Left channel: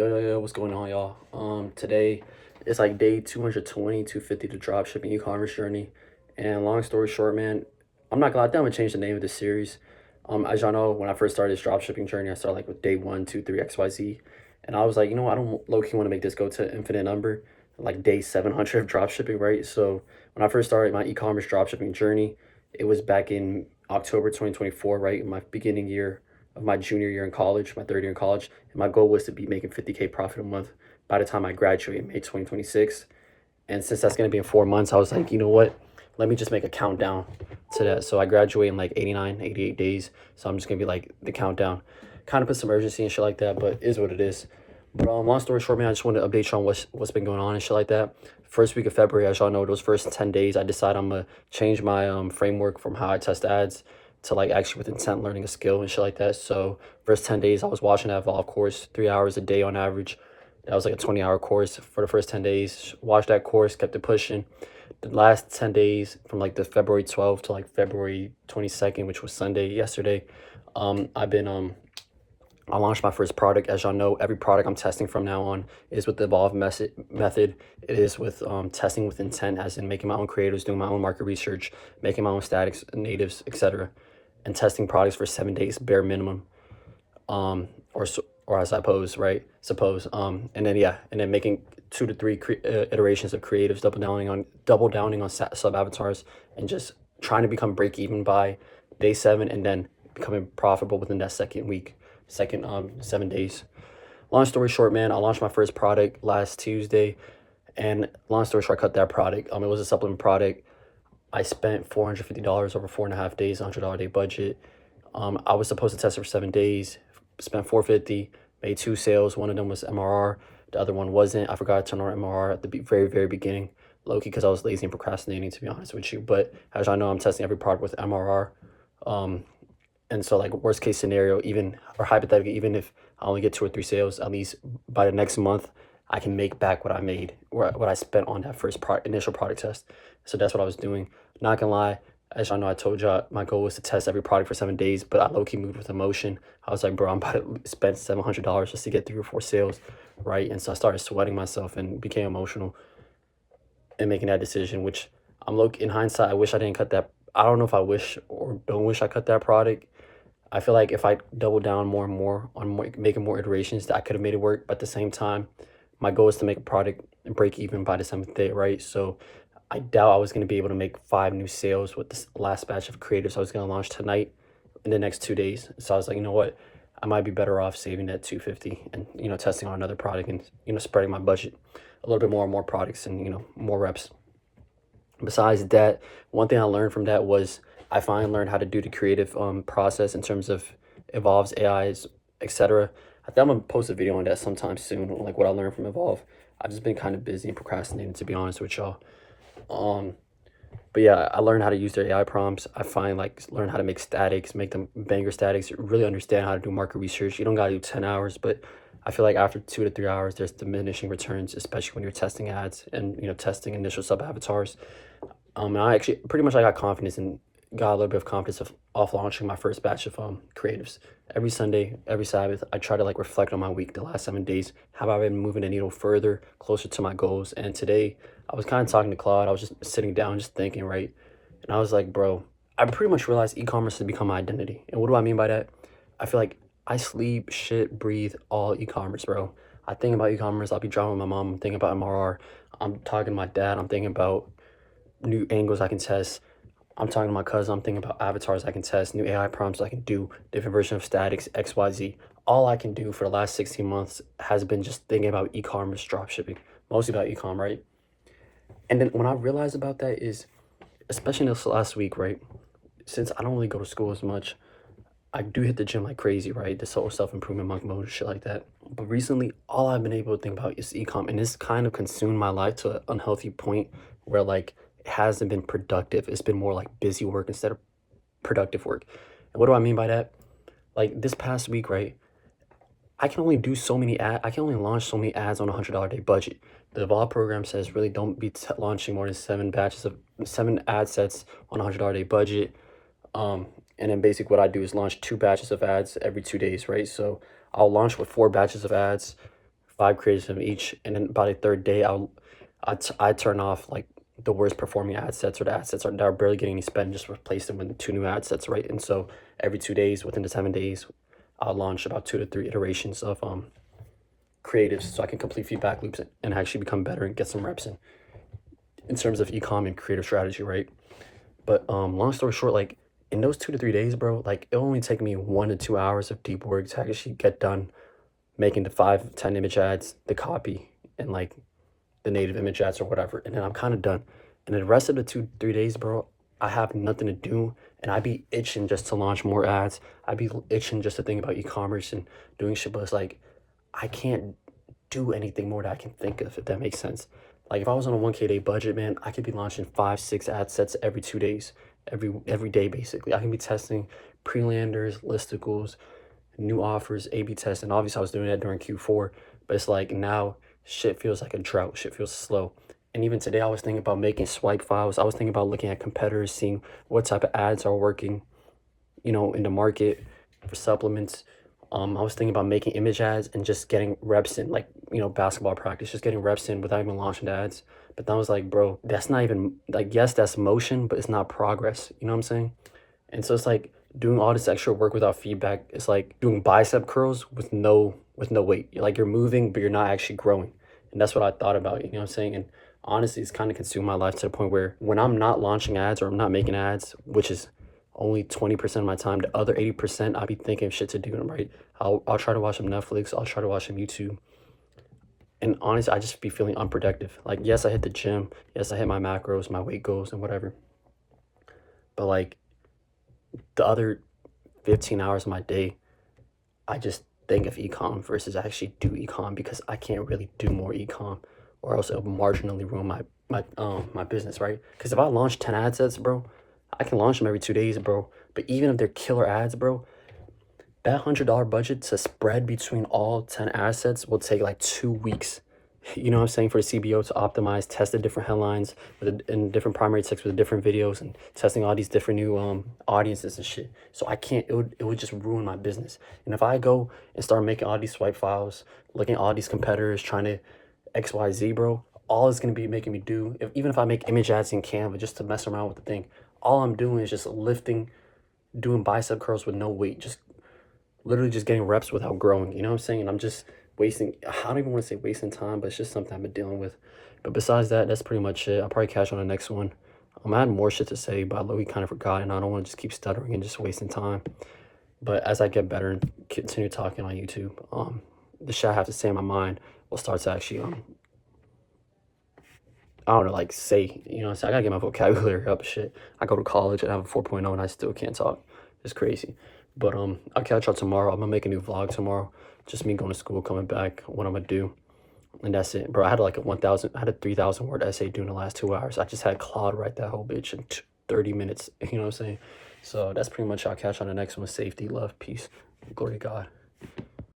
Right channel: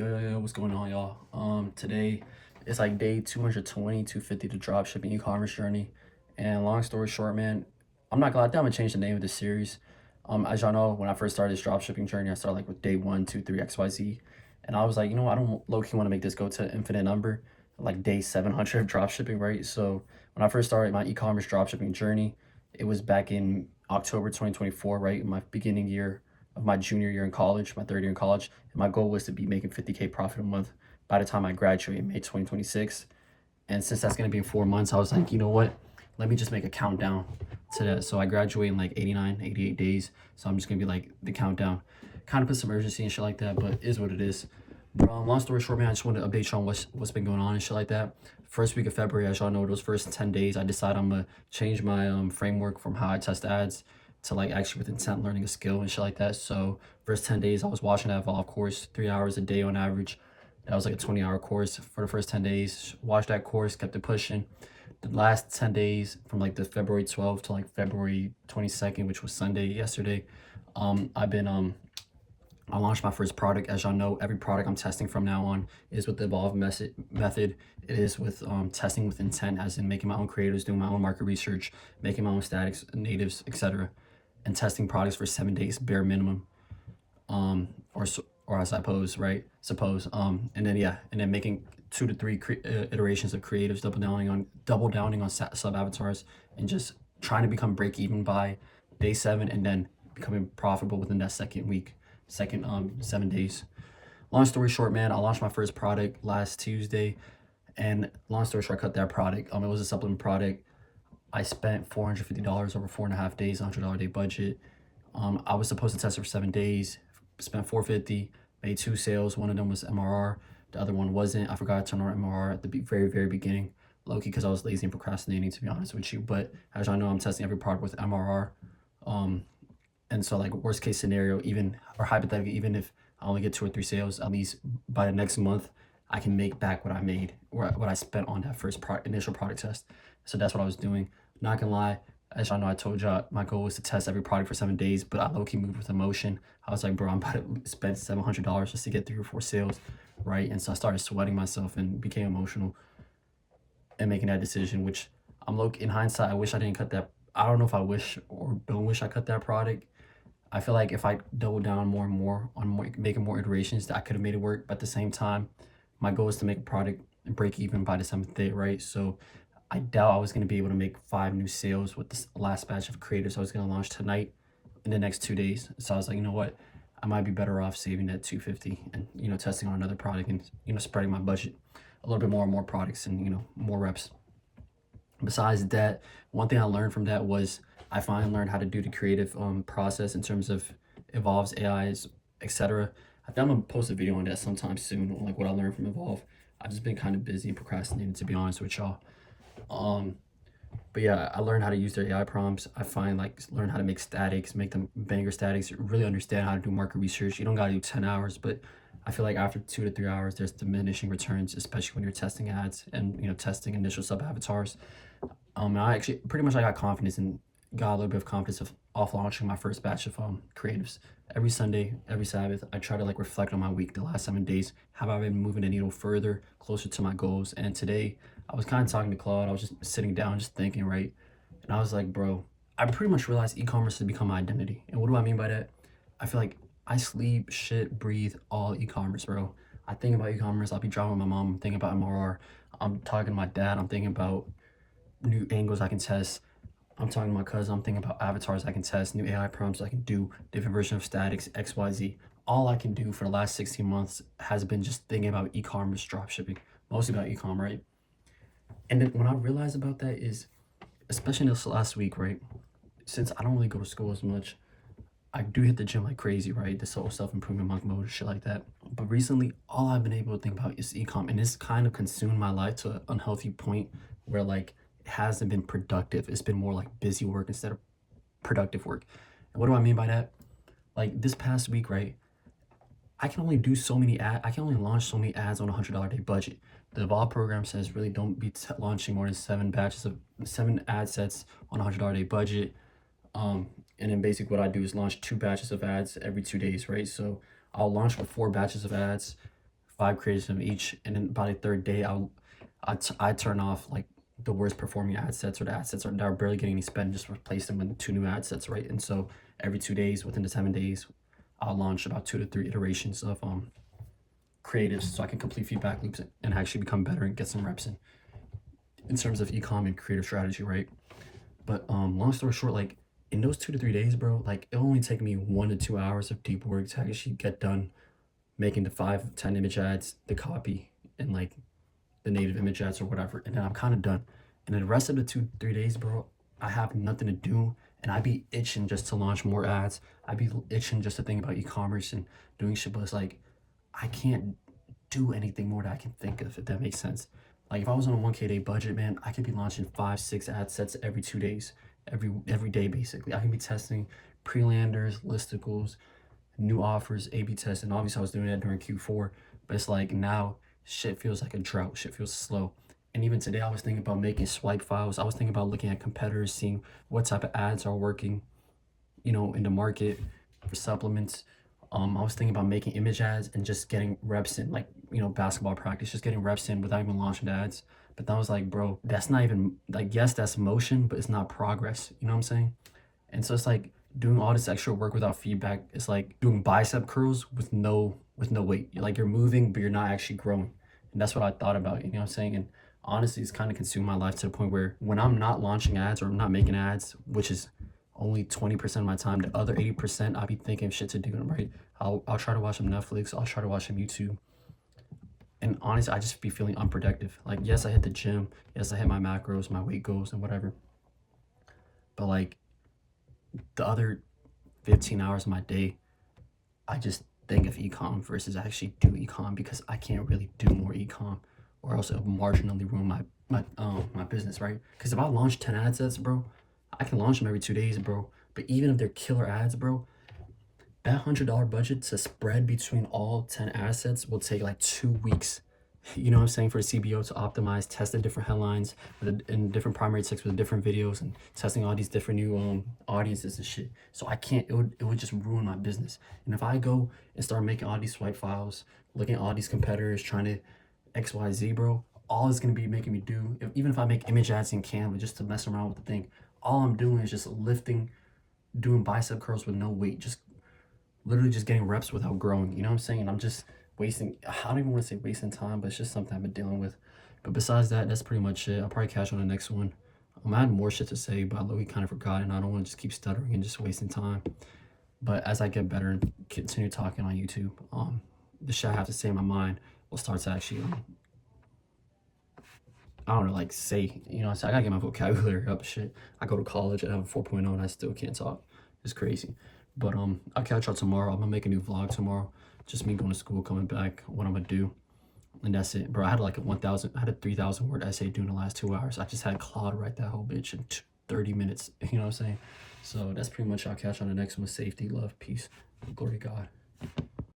Yo, what's going on, y'all? Today it's like day 220, 250 to drop shipping e-commerce journey. And long story short, man, I'm not glad I'm gonna change the name of the series. As y'all know, when I first started this drop shipping journey, I started like with day one, two, three, XYZ. And I was like, you know, I don't low-key want to make this go to infinite number, like day 700 of drop shipping, right? So when I first started my e-commerce drop shipping journey, it was back in October 2024, right? In my beginning year of my junior year in college, my third year in college. And my goal was to be making 50K profit a month by the time I graduate in May 2026. And since that's going to be in 4 months, I was like, you know what? Let me just make a countdown to that. So I graduate in like 89, 88 days. So I'm just going to be like the countdown. Kind of put some urgency and shit like that, but it is what it is. But long story short, man, I just wanted to update you on what's been going on and shit like that. First week of February, as y'all know, those first 10 days, I decided I'm gonna change my framework from how I test ads to like actually with intent learning a skill and shit like that. So first 10 days, I was watching that Evolve course, 3 hours a day on average. That was like a 20-hour course for the first 10 days. Watched that course, kept it pushing. The last 10 days from like the February 12th to like February 22nd, which was Sunday yesterday, I've been I launched my first product. As y'all know, every product I'm testing from now on is with the Evolve method. It is with testing with intent, as in making my own creatives, doing my own market research, making my own statics, natives, etc., and testing products for 7 days bare minimum. Or as I suppose, right? Suppose. And then yeah, and then making 2 to 3 iterations of creatives, double downing on sub avatars, and just trying to become break even by day 7, and then becoming profitable within that second 7 days. Long story short, man, I launched my first product last Tuesday, and long story short, I cut that product. It was a supplement product. I spent $450 over 4.5 days, $100 a day budget. I was supposed to test it for 7 days, spent 450, made 2 sales. One of them was MRR, the other one wasn't. I forgot to turn on MRR at the very beginning, low key, because I was lazy and procrastinating, to be honest with you. But as I know, I'm testing every product with MRR. And so like worst case scenario, even or hypothetically, even if I only get 2 or 3 sales, at least by the next month, I can make back what I made or what I spent on that first initial product test. So that's what I was doing. Not gonna lie, as y'all know, I told y'all my goal was to test every product for 7 days, but I low-key moved with emotion. I was like, bro, I'm about to spend $700 just to get 3 or 4 sales, right? And so I started sweating myself and became emotional in making that decision, which in hindsight, I wish I didn't cut that. I don't know if I wish or don't wish I cut that product. I feel like if I double down more and more on making more iterations, that I could have made it work. But at the same time, my goal is to make a product and break even by the 7th day, right? So I doubt I was going to be able to make 5 new sales with this last batch of creators I was going to launch tonight in the next 2 days. So I was like, you know what? I might be better off saving that 250 and, testing on another product and, spreading my budget a little bit more on more products and, more reps. Besides that, one thing I learned from that was I finally learned how to do the creative process in terms of Evolve's AIs, etc. I think I'm gonna post a video on that sometime soon, like what I learned from Evolve. I've just been kind of busy and procrastinating, to be honest with y'all. But yeah, I learned how to use their AI prompts. I find like learn how to make statics, make them banger statics, really understand how to do market research. You don't gotta do 10 hours, but I feel like after 2 to 3 hours, there's diminishing returns, especially when you're testing ads and testing initial sub avatars. And I actually pretty much I got a little bit of confidence off launching my first batch of creatives. Every Sunday, every Sabbath, I try to like reflect on my week, the last 7 days. Have I been moving the needle further, closer to my goals? And today, I was kind of talking to Claude. I was just sitting down, just thinking, right? And I was like, bro, I pretty much realized e-commerce has become my identity. And what do I mean by that? I feel like I sleep, shit, breathe all e-commerce, bro. I think about e-commerce. I'll be driving with my mom. I'm thinking about MRR. I'm talking to my dad. I'm thinking about new angles I can test. I'm talking to my cousin. I'm thinking about avatars I can test, new AI prompts I can do, different version of statics, XYZ. All I can do for the last 16 months has been just thinking about e-commerce dropshipping, mostly about e-com, right? And then when I realized about that is, especially this last week, right? Since I don't really go to school as much, I do hit the gym like crazy, right? This whole self-improvement monk mode, shit like that. But recently, all I've been able to think about is e-com, and it's kind of consumed my life to an unhealthy point where like it hasn't been productive. It's been more like busy work instead of productive work. And what do I mean by that? Like this past week, right? I can only do so many I can only launch so many ads on a $100 day budget. The Evolve program says really don't be launching more than 7 ad sets on a $100 day budget. And then basically what I do is launch 2 batches of ads every 2 days, right? So I'll launch with 4 batches of ads 5 creatives of each, and then by the third day, I turn off like the worst performing ad sets or the ad sets that are barely getting any spend, just replace them with 2 new ad sets, right? And so every 2 days, within the 7 days, I'll launch about 2 to 3 iterations of creatives so I can complete feedback loops and actually become better and get some reps in terms of e-com and creative strategy, right? But long story short, like in those 2 to 3 days, bro, like it'll only take me 1 to 2 hours of deep work to actually get done making the 5, 10 image ads, the copy, and like the native image ads or whatever, and then I'm kind of done. And then the rest of the 2, 3 days, bro, I have nothing to do, and I'd be itching just to launch more ads. I'd be itching just to think about e-commerce and doing shit, but it's like I can't do anything more that I can think of, if that makes sense. Like if I was on a 1K day budget, man, I could be launching 5, 6 ad sets every 2 days, every day basically. I can be testing pre-landers, listicles, new offers, A/B tests, and obviously I was doing that during Q4. But it's like now shit feels like a drought. Shit feels slow. And even today, I was thinking about making swipe files. I was thinking about looking at competitors, seeing what type of ads are working, in the market for supplements. I was thinking about making image ads and just getting reps in, like, basketball practice, just getting reps in without even launching the ads. But then I was like, bro, that's not even, like, yes, that's motion, but it's not progress. You know what I'm saying? And so it's like doing all this extra work without feedback. It's like doing bicep curls with no weight. You're moving, but you're not actually growing. And that's what I thought about, you know what I'm saying? And honestly, it's kind of consumed my life to the point where when I'm not launching ads or I'm not making ads, which is only 20% of my time, the other 80%, I'll be thinking of shit to do, right? I'll try to watch some Netflix, I'll try to watch some YouTube. And honestly, I just be feeling unproductive. Like, yes, I hit the gym, yes, I hit my macros, my weight goals, and whatever. But like the other 15 hours of my day, I just think of ecom versus actually do ecom because I can't really do more ecom or else it'll marginally ruin my business, right? Because if I launch 10 ad sets, bro, I can launch them every 2 days, bro. But even if they're killer ads, bro, that $100 budget to spread between all 10 assets will take like 2 weeks. You know what I'm saying? For the CBO to optimize, test the different headlines and different primary text with the different videos and testing all these different new audiences and shit. So I can't, it would just ruin my business. And if I go and start making all these swipe files, looking at all these competitors, trying to XYZ, bro, all it's gonna be making me do, even if I make image ads in Canva just to mess around with the thing, all I'm doing is just lifting, doing bicep curls with no weight, just literally just getting reps without growing. You know what I'm saying? And I'm just wasting, I don't even want to say wasting time, but it's just something I've been dealing with. But besides that, that's pretty much it. I'll probably catch on the next one. I had more shit to say, but I literally kind of forgot, and I don't want to just keep stuttering and just wasting time. But as I get better and continue talking on YouTube, the shit I have to say in my mind will start to actually, I don't know, like say, so I gotta get my vocabulary up. Shit, I go to college and I have a 4.0 and I still can't talk. It's crazy. But I'll catch y'all tomorrow. I'm gonna make a new vlog tomorrow. Just me going to school, coming back, what I'm gonna do. And that's it. Bro, I had like I had a 3,000 word essay due in the last 2 hours. I just had Claude write that whole bitch in 30 minutes. You know what I'm saying? So that's pretty much, I'll catch on the next one. Safety, love, peace, glory to God.